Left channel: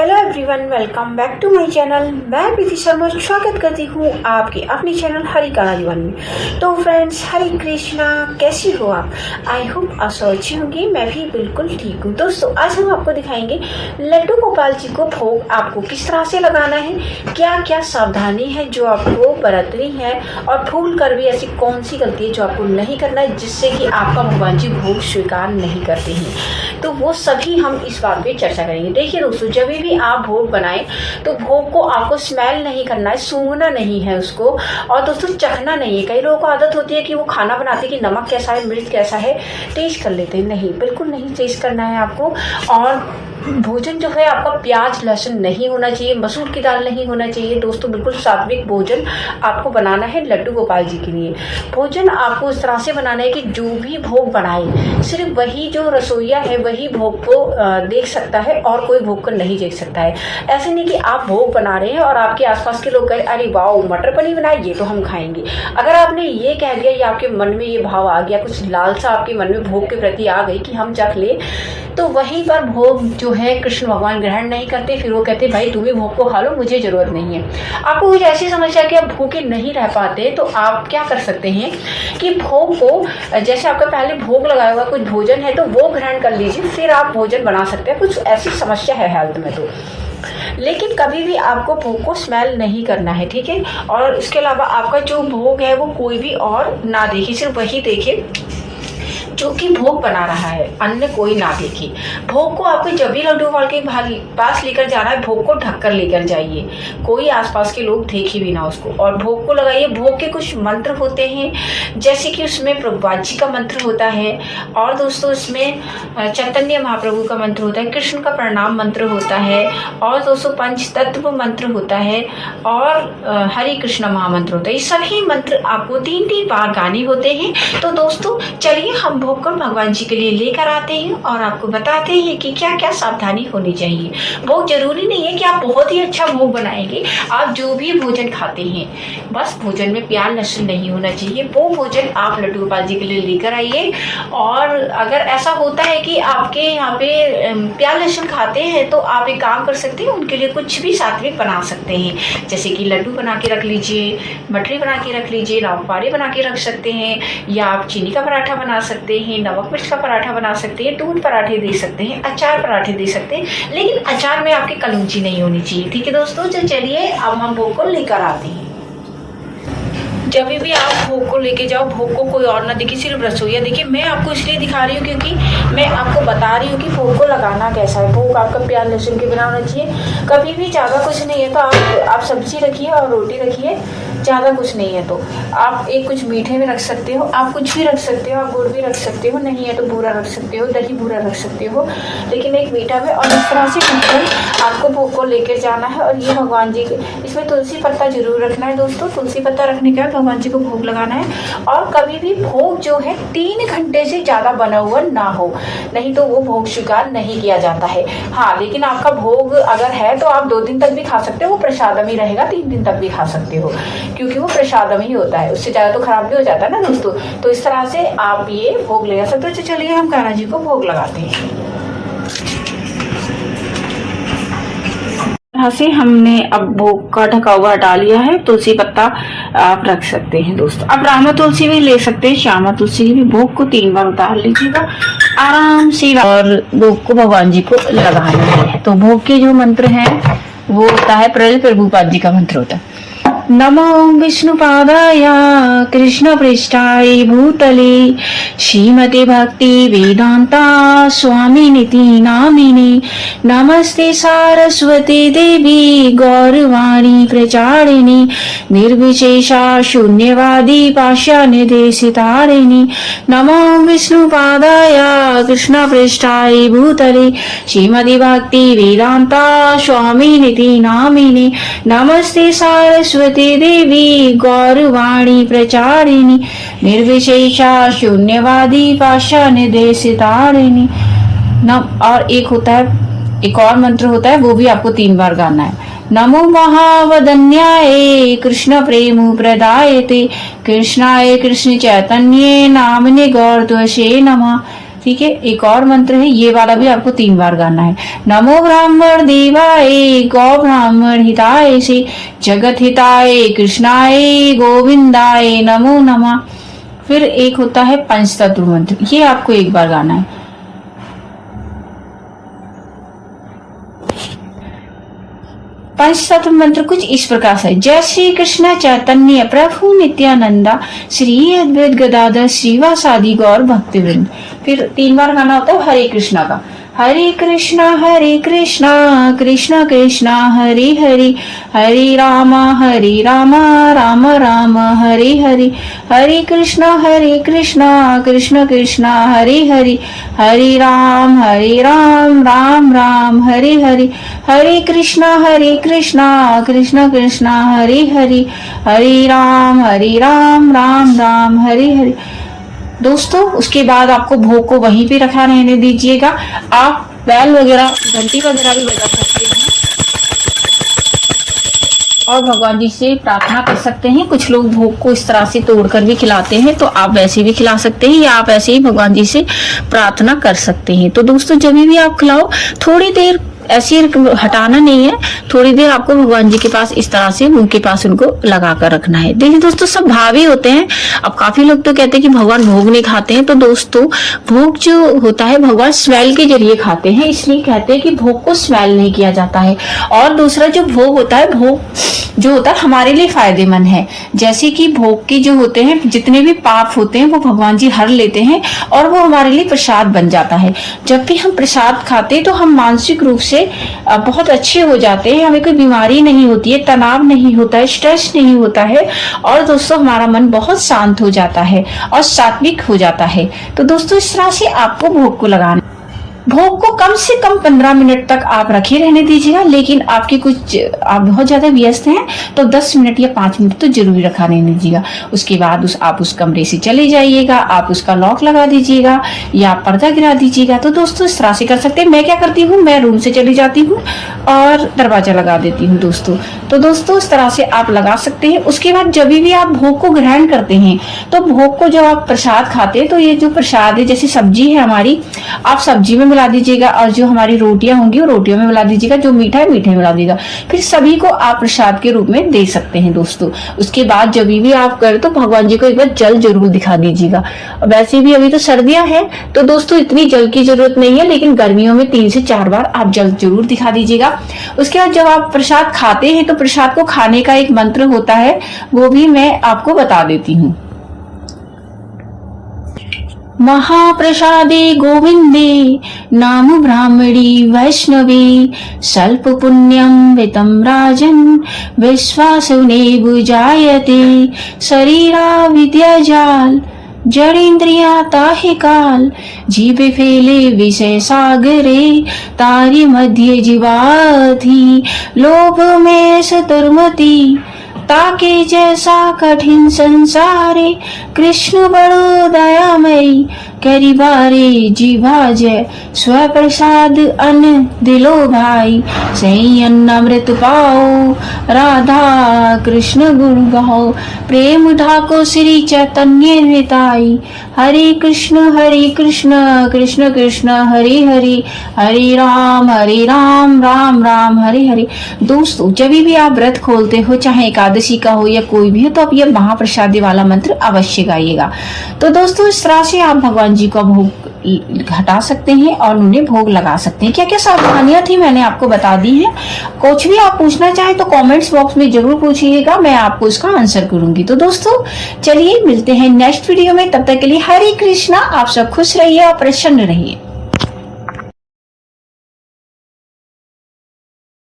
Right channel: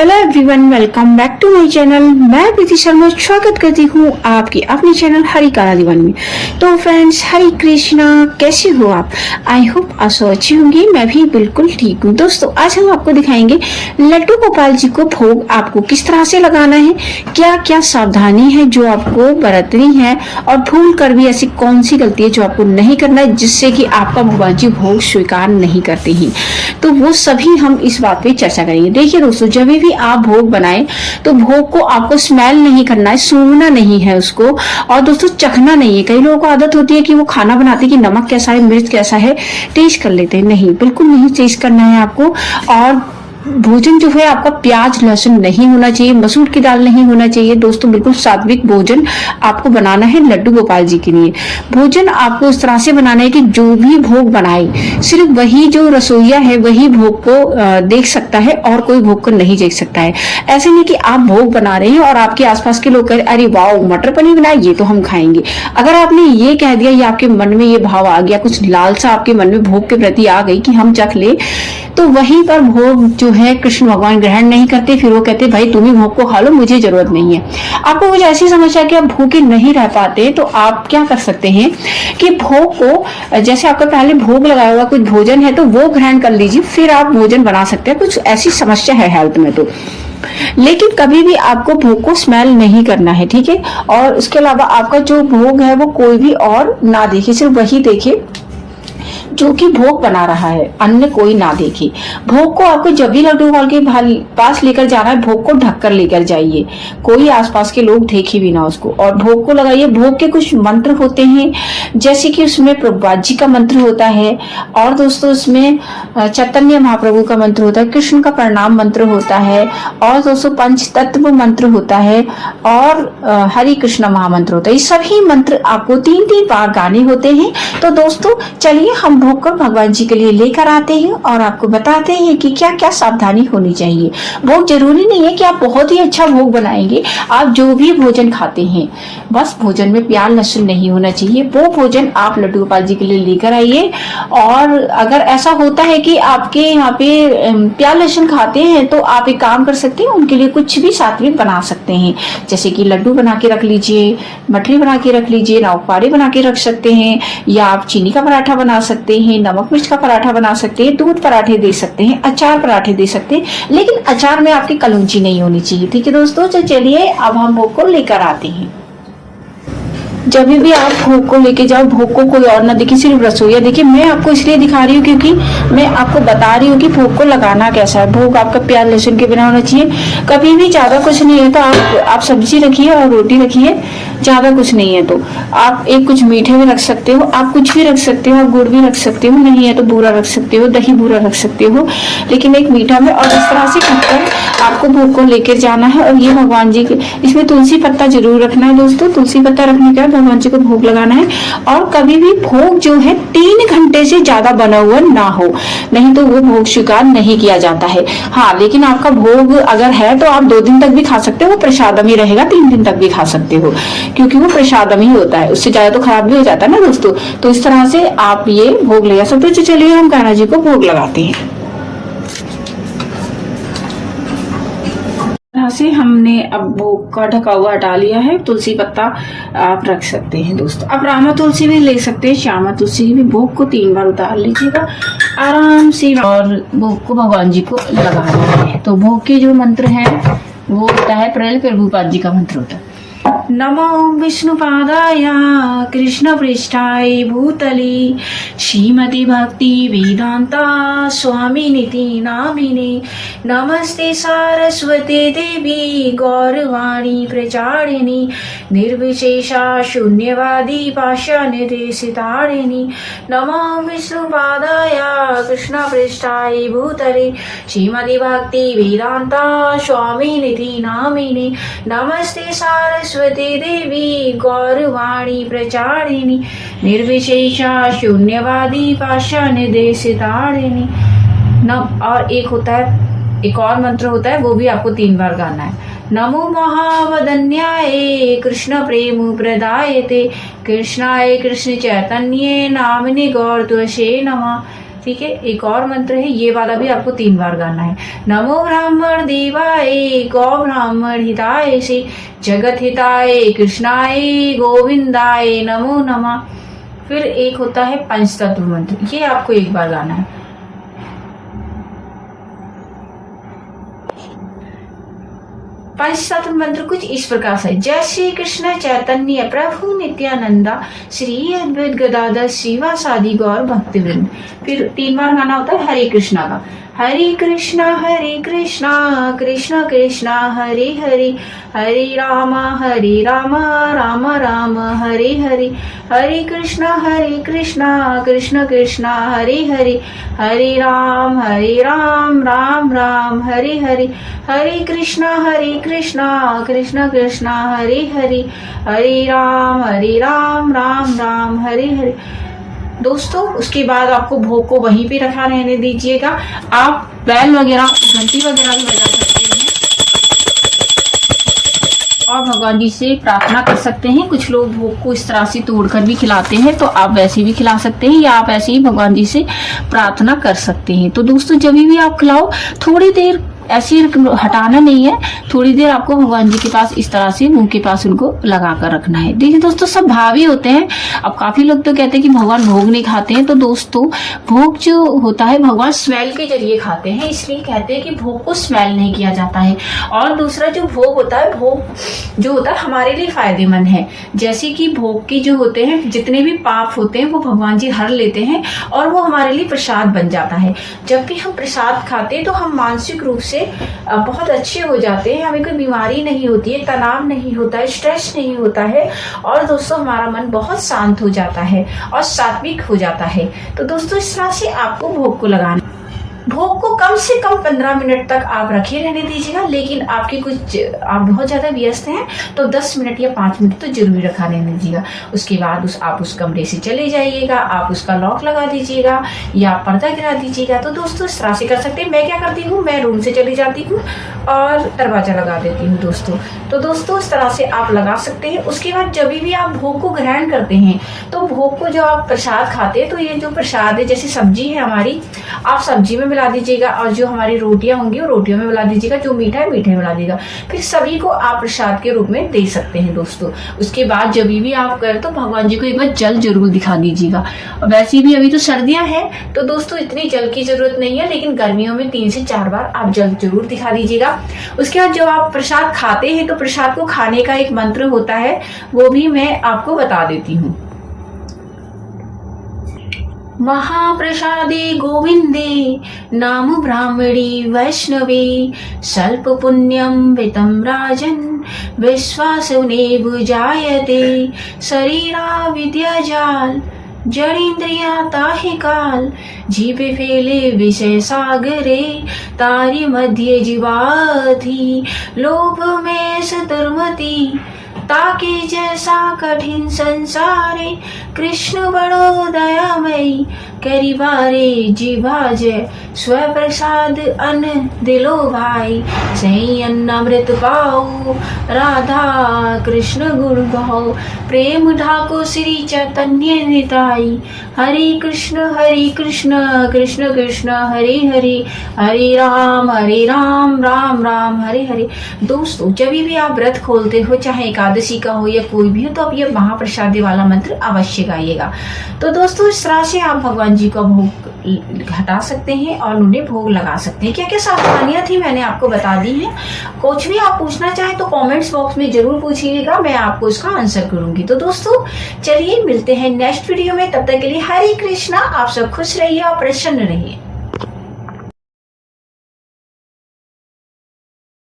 Hello everyone, welcome back to my channel. मैं प्रीति शर्मा स्वागत करती हूँ आपकी अपने चैनल हरी काला दीवानी में। तो फ्रेंड्स, हरी कृष्णा, कैसे हो आप? आई होप आप सब अच्छी होंगी। मैं भी बिल्कुल ठीक हूँ। दोस्तों, आज हम आपको दिखाएंगे लड्डू गोपाल जी को भोग आपको किस तरह से लगाना है, क्या क्या सावधानी है जो आपको बरतनी है, और भूल कर भी ऐसी कौन सी गलती है जो आपको नहीं करना है जिससे कि आपका भगवान जी भोग स्वीकार नहीं करते हैं। तो वो सभी हम इस बात पे चर्चा करेंगे। देखिए दोस्तों, जब भी आप भोग बनाएं तो भोग को आपको स्मेल नहीं करना है, सूंघना नहीं है उसको, और दोस्तों चखना नहीं है। कई लोगों को आदत होती है कि वो खाना बनाते कि नमक कैसा है, मिर्च कैसा है, टेस्ट कर लेते हैं। नहीं, बिल्कुल नहीं टेस्ट करना है आपको। और भोजन जो है आपका प्याज लहसुन नहीं होना चाहिए, मसूर की दाल नहीं होना चाहिए। दोस्तों, बिल्कुल सात्विक भोजन आपको बनाना है लड्डू गोपाल जी के लिए। भोजन आपको इस तरह से बनाना है कि जो भी भोग बनाए, सिर्फ वही जो रसोईया है वही भोग को देख सकता है और कोई भोग को नहीं देख सकता है। ऐसे नहीं कि आप भोग बना रहे हैं और आपके आसपास के लोग कह रहे अरे वाह मटर पनीर बनाए, ये तो हम खाएंगे। अगर आपने ये कह दिया या आपके मन में ये भाव आ गया, कुछ लालसा आपके मन में भोग के प्रति आ गई कि हम चख ले, तो वहीं पर भोग जो है कृष्ण भगवान ग्रहण नहीं करते। फिर वो कहते भाई तुम ही भोग को खा लो, मुझे जरूरत नहीं है। आपको कुछ ऐसी समस्या कि आप भूखे नहीं रह पाते, तो आप क्या कर सकते हैं कि भोग को, जैसे आपका पहले भोग लगाया हुआ कुछ भोजन है तो वो ग्रहण कर लीजिए, फिर आप भोजन बना सकते हैं। कुछ ऐसी समस्या है हेल्थ में तो, लेकिन कभी भी आपको भोग को स्मेल नहीं करना है, ठीक है। और उसके अलावा आपका जो भोग है वो कोई भी और ना देखे, सिर्फ वही देखे जो कि भोग बना रहा है, अन्य कोई ना देखे। भोग को आपको जब भी लड्डू गोपाल के पास लेकर जाना है, भोग को ढककर लेकर जाइए, कोई आसपास के लोग देखे भी ना उसको, और भोग को लगाइए। भोग के कुछ मंत्र होते हैं, जैसे कि उसमें प्रभुपाद जी का मंत्र होता है, और दोस्तों उसमें चैतन्य महाप्रभु का मंत्र होता है, कृष्ण का प्रणाम मंत्र होता है, और दोस्तों पंच तत्व मंत्र होता है, और हरि कृष्ण महामंत्र होता है। ये सभी मंत्र आपको 3-3 बार गाने होते हैं। तो दोस्तों चलिए हम भोग को भगवान जी के लिए लेकर आते हैं और आपको बताते हैं कि क्या क्या सावधानी होनी चाहिए। भोग जरूरी नहीं है कि आप बहुत ही अच्छा भोग बनाएंगे। आप जो भी भोजन खाते हैं, बस भोजन में प्याज लहसुन नहीं होना चाहिए। वो भोजन आप लड्डू गोपाल जी के लिए लेकर आइए। और अगर ऐसा होता है कि आपके यहाँ पे प्याज लहसुन खाते हैं, तो आप एक काम कर सकते हैं, उनके लिए कुछ भी सात्विक बना सकते हैं। जैसे कि लड्डू बना के रख लीजिए, मठरी बना के रख लीजिए, नौपारे बना के रख सकते हैं, या आप चीनी का पराठा बना सकते हैं, नमक मिर्च का पराठा बना सकते हैं, दूध पराठे दे सकते हैं, अचार पराठे दे सकते हैं। लेकिन अचार में आपकी कलौंजी नहीं होनी चाहिए, ठीक है दोस्तों। तो चलिए अब हम भोग को लेकर आते हैं। जब भी आप भोग को लेके जाओ, भोग को कोई और ना देखे, सिर्फ रसोईया देखिए। मैं आपको इसलिए दिखा रही हूँ क्योंकि मैं आपको बता रही हूँ कि भोग को लगाना कैसा है। भोग आपका प्याज लहसुन के बिना होना चाहिए। कभी भी ज्यादा कुछ नहीं है तो आप सब्जी रखिए और रोटी रखिए, ज्यादा कुछ नहीं है तो आप एक कुछ मीठे में रख सकते हो, आप कुछ भी रख सकते हो, गुड़ भी रख सकते हो, नहीं है तो बूरा रख सकते हो, दही बूरा रख सकते हो, लेकिन एक मीठा में। और इस तरह से आपको भोग को लेकर जाना है। और ये भगवान जी के, इसमें तुलसी पत्ता जरूर रखना है दोस्तों। तुलसी पत्ता रखने के बाद भगवान जी को भोग लगाना है। और कभी भी भोग जो है 3 घंटे से ज्यादा बना हुआ ना हो, नहीं तो वो भोग स्वीकार नहीं किया जाता है। हाँ, लेकिन आपका भोग अगर है तो आप 2 दिन तक भी खा सकते हो, वो प्रसादम ही रहेगा। 3 दिन तक भी खा सकते हो क्योंकि वो प्रसादम ही होता है, उससे ज्यादा तो खराब भी हो जाता है ना दोस्तों। तो इस तरह से आप ये भोग ले सकते हो। तो चलिए हम कान्हा जी को भोग लगाते हैं। यहाँ से हमने अब भोग का ढका हुआ हटा लिया है। तुलसी पत्ता आप रख सकते हैं दोस्तों। अब रामा तुलसी भी ले सकते हैं, श्यामा तुलसी भी। भोग को 3 बार उतार लीजिएगा आराम से, और भोग को भगवान जी को लगाना है। तो भोग के जो मंत्र हैं वो होता है, प्रभुपाद जी का मंत्र होता है, नमो विष्णुपादाय कृष्ण पृष्ठाय भूतले श्रीमते भक्ति वेदांता स्वामिनिति नामिने नमस्ते सारस्वती देवी गौरवाणी प्रचारिणी निर्विशेषा शून्यवादी पाषाणदेशितारिणी नमो विष्णुपादाय कृष्ण पृष्ठाय भूतले श्रीमते भक्ति वेदांता स्वामिनिति नामिने नमस्ते सारस्वती देवी गौरवाणी प्रचारिणी निर्विशेषा शून्यवादी पाषाणदेशितारिणी। और एक होता है, एक और मंत्र होता है, वो भी आपको 3 बार गाना है। नमो महावदन्याय कृष्ण प्रेम प्रदायते कृष्णाय कृष्ण चैतन्ये नामने गौरत्वसे नमः ठीक है, एक और मंत्र है, ये वाला भी आपको 3 बार गाना है। नमो ब्राह्मण देवाय गौ ब्राह्मण हिताय से जगत हिताय कृष्णाय गोविंदाय नमो नमः। फिर एक होता है पंचतत्व मंत्र, ये आपको 1 बार गाना है। पंचतत्व मंत्र कुछ इस प्रकार से, जय श्री कृष्ण चैतन्य प्रभु नित्यानंदा श्री अद्वैत गदाधर श्रीवासादि गौर भक्तवृंद। फिर 3 बार गाना होता है हरे कृष्णा का, हरे कृष्णा कृष्ण कृष्णा हरे हरे, हरे राम राम राम हरे हरे, हरे कृष्णा कृष्ण कृष्ण हरे हरे, हरे राम राम राम हरे हरे, हरे कृष्णा कृष्ण कृष्ण हरे हरे, हरे राम राम राम हरे हरे। दोस्तों उसके बाद आपको भोग को वहीं पे रखा रहने दीजिएगा। आप बैल वगैरह घंटी वगैरह भी बजा सकते हैं और भगवान जी से प्रार्थना कर सकते हैं। कुछ लोग भोग को इस तरह से तोड़कर भी खिलाते हैं, तो आप वैसे भी खिला सकते हैं या आप ऐसे ही भगवान जी से प्रार्थना कर सकते हैं। तो दोस्तों जब भी आप खिलाओ, थोड़ी देर ऐसे हटाना नहीं है, थोड़ी देर आपको भगवान जी के पास इस तरह से मुंह के पास उनको लगा कर रखना है। देखिए दोस्तों सब भावी होते हैं। अब काफी लोग तो कहते हैं कि भगवान भोग नहीं खाते हैं, तो दोस्तों भोग जो होता है भगवान स्मेल के जरिए खाते हैं, इसलिए कहते हैं कि भोग को स्मेल नहीं किया जाता है। और दूसरा जो भोग होता है, भोग जो होता है हमारे लिए फायदेमंद है। जैसे कि भोग के जो होते हैं जितने भी पाप होते हैं वो भगवान जी हर लेते हैं और वो हमारे लिए प्रसाद बन जाता है। जब भी हम प्रसाद खाते हैं तो हम मानसिक रूप से बहुत अच्छे हो जाते हैं, हमें कोई बीमारी नहीं होती है, तनाव नहीं होता है, स्ट्रेस नहीं होता है और दोस्तों हमारा मन बहुत शांत हो जाता है और सात्विक हो जाता है। तो दोस्तों इस तरह से आपको भोग को लगाना, भोग को कम से कम 15 मिनट तक आप रखे रहने दीजिएगा। लेकिन आपके कुछ आप बहुत ज्यादा व्यस्त हैं तो 10 मिनट या 5 मिनट तो जरूर रखा रहने दीजिएगा। उसके बाद आप उस कमरे से चले जाइएगा, आप उसका लॉक लगा दीजिएगा या पर्दा गिरा दीजिएगा। तो दोस्तों इस तरह से कर सकते हैं। मैं क्या करती हूँ, मैं रूम से चली जाती हूँ और दरवाजा लगा देती हूँ दोस्तों। तो दोस्तों इस तरह से आप लगा सकते हैं। उसके बाद जब भी आप भोग को ग्रहण करते हैं तो भोग को जो आप प्रसाद खाते हैं, तो ये जो प्रसाद है जैसे सब्जी है हमारी, आप सब्जी में मिला दीजिएगा और जो हमारी रोटियां होंगी वो रोटियों में मिला दीजिएगा, जो मीठा है मीठे में मिला दीजिएगा। फिर सभी को आप प्रसाद के रूप में दे सकते हैं दोस्तों। उसके बाद जब भी आप करें तो भगवान जी को एक बार जल जरूर दिखा दीजिएगा। वैसे भी अभी तो सर्दियां हैं तो दोस्तों इतनी जल की जरूरत नहीं है, लेकिन गर्मियों में 3 से 4 बार आप जल जरूर दिखा दीजिएगा। उसके बाद जब आप प्रसाद खाते हैं तो प्रसाद को खाने का एक मंत्र होता है, वो भी मैं आपको बता देती हूँ। महाप्रसादे गोविंदे नाम ब्राह्मणी वैष्णवी स्वल्प पुण्यम वितम राजन विश्वासुने बुजायते शरीरा विद्याजाल जड़ेन्द्रिया ताहि काल जीवे फेले विषय सागरे तारी मध्य जीवाधि लोभ में सतर्मती ताके जैसा कठिन संसारे कृष्ण बड़ो दयामयी करी बारे जीवा जय स्वप्रसाद अन्न दिलो भाई सही अन्न अमृत पाओ राधा कृष्ण गुण गाओ प्रेम ढाको श्री चैतन्य निताई हरे कृष्ण कृष्ण कृष्ण हरे हरे हरे राम राम राम हरे हरे। दोस्तों जब भी आप व्रत खोलते हो, चाहे एकादशी का हो या कोई भी हो, तो आप ये महाप्रसादी वाला मंत्र अवश्य गाइएगा। तो दोस्तों इस तरह से आप भगवान जी का भोग हटा सकते हैं और उन्हें भोग लगा सकते हैं। क्या क्या सावधानियां थी मैंने आपको बता दी है। कुछ भी आप पूछना चाहे तो कमेंट्स बॉक्स में जरूर पूछिएगा, मैं आपको उसका आंसर करूंगी। तो दोस्तों चलिए मिलते हैं नेक्स्ट वीडियो में, तब तक के लिए हरे कृष्णा। आप सब खुश रहिए और प्रसन्न रहिए।